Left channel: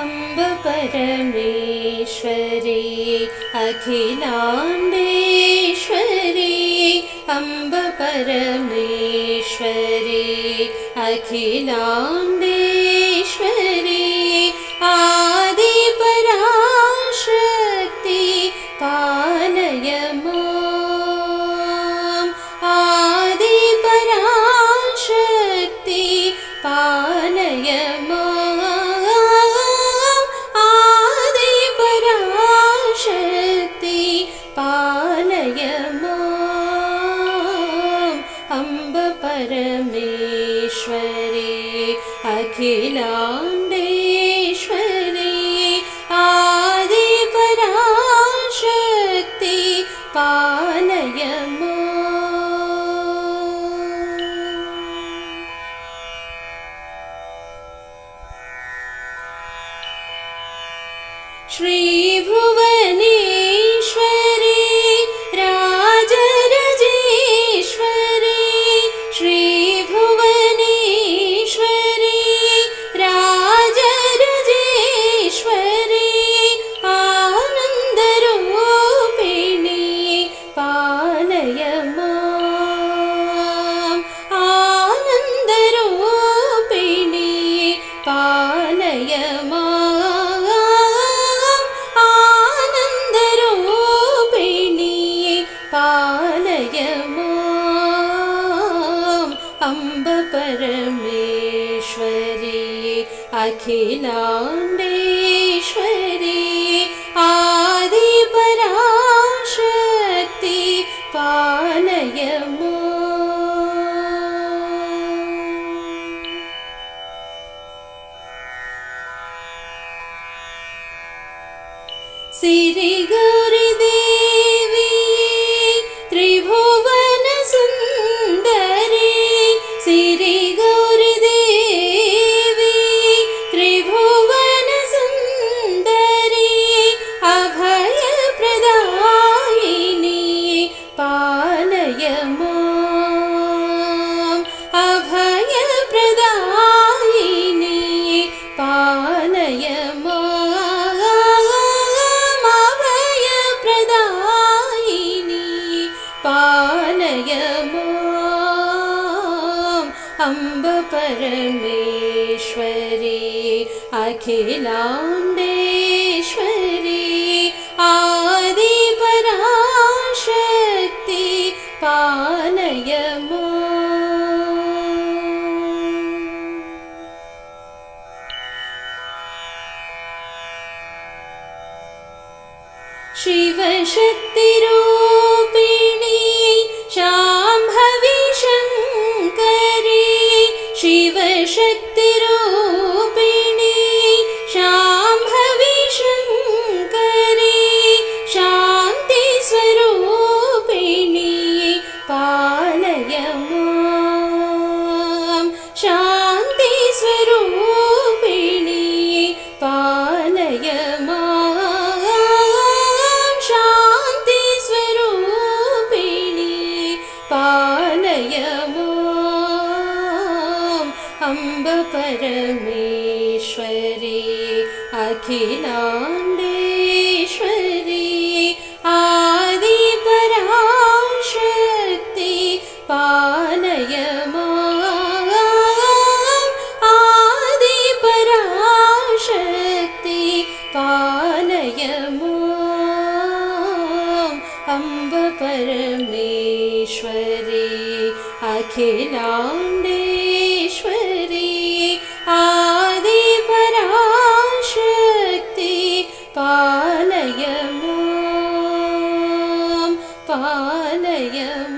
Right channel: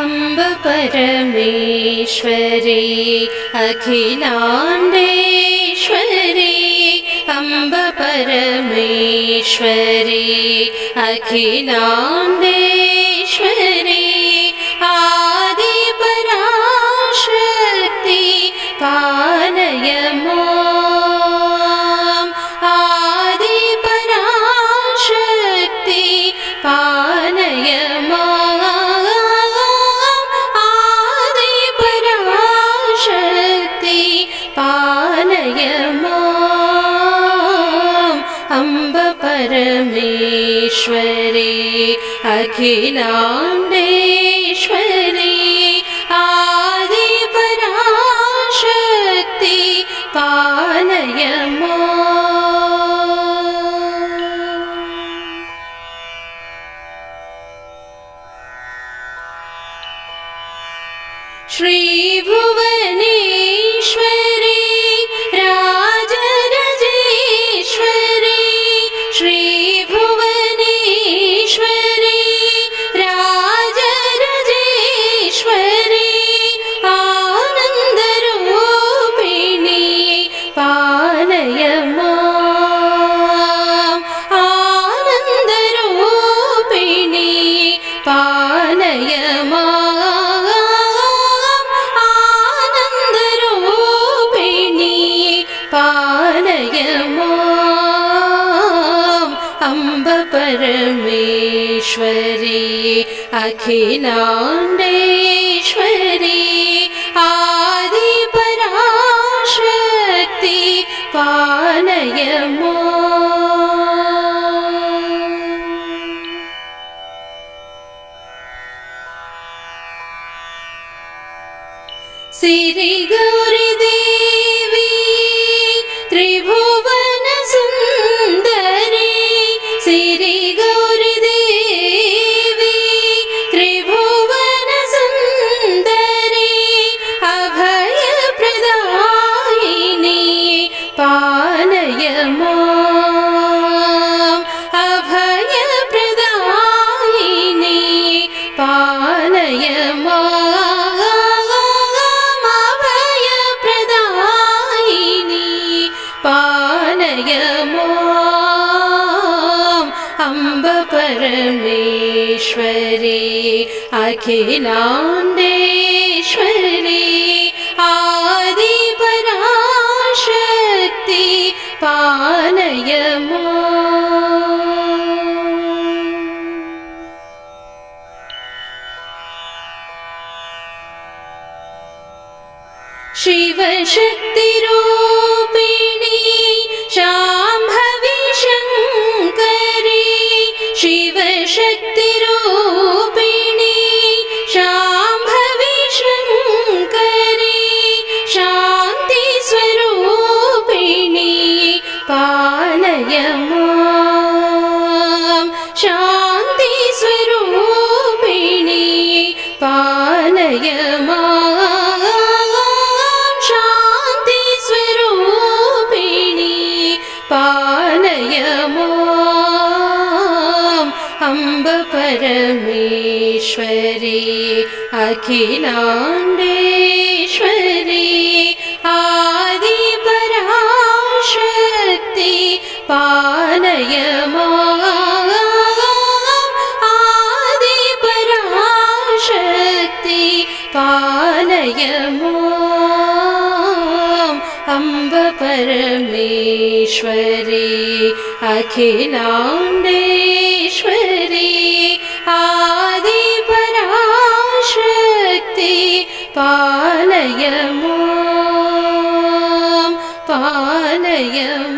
अम्ब परमेश्वरी अखिलाण्डेश्वरी अम्ब परमेश्वरी अखिलाण्डेश्वरी परमेश्वरी अखिलाण्डेश्वरी आदिपराशक्ति पालय माम् श्रीभुवनेश्वरी परमेश्वरी अखिलाण्डेश्वरी आदिपराशक्ति पालय माम् सिरिगौरिदेवी अम्ब परमेश्वरी अखिलाण्डेश्वरी आदिपराशक्ति पालय माम् शिवशक्तिरूपिणी അംബ പരമേശ്വരി അഖിലാണ്ടേശ്വരി ആദി പരാശക്തി പാലയ ആദി പരാശക്തി പാലയമോ അംബ പരമേശ്വരി അഖിലാണ്ടേ பாலயம்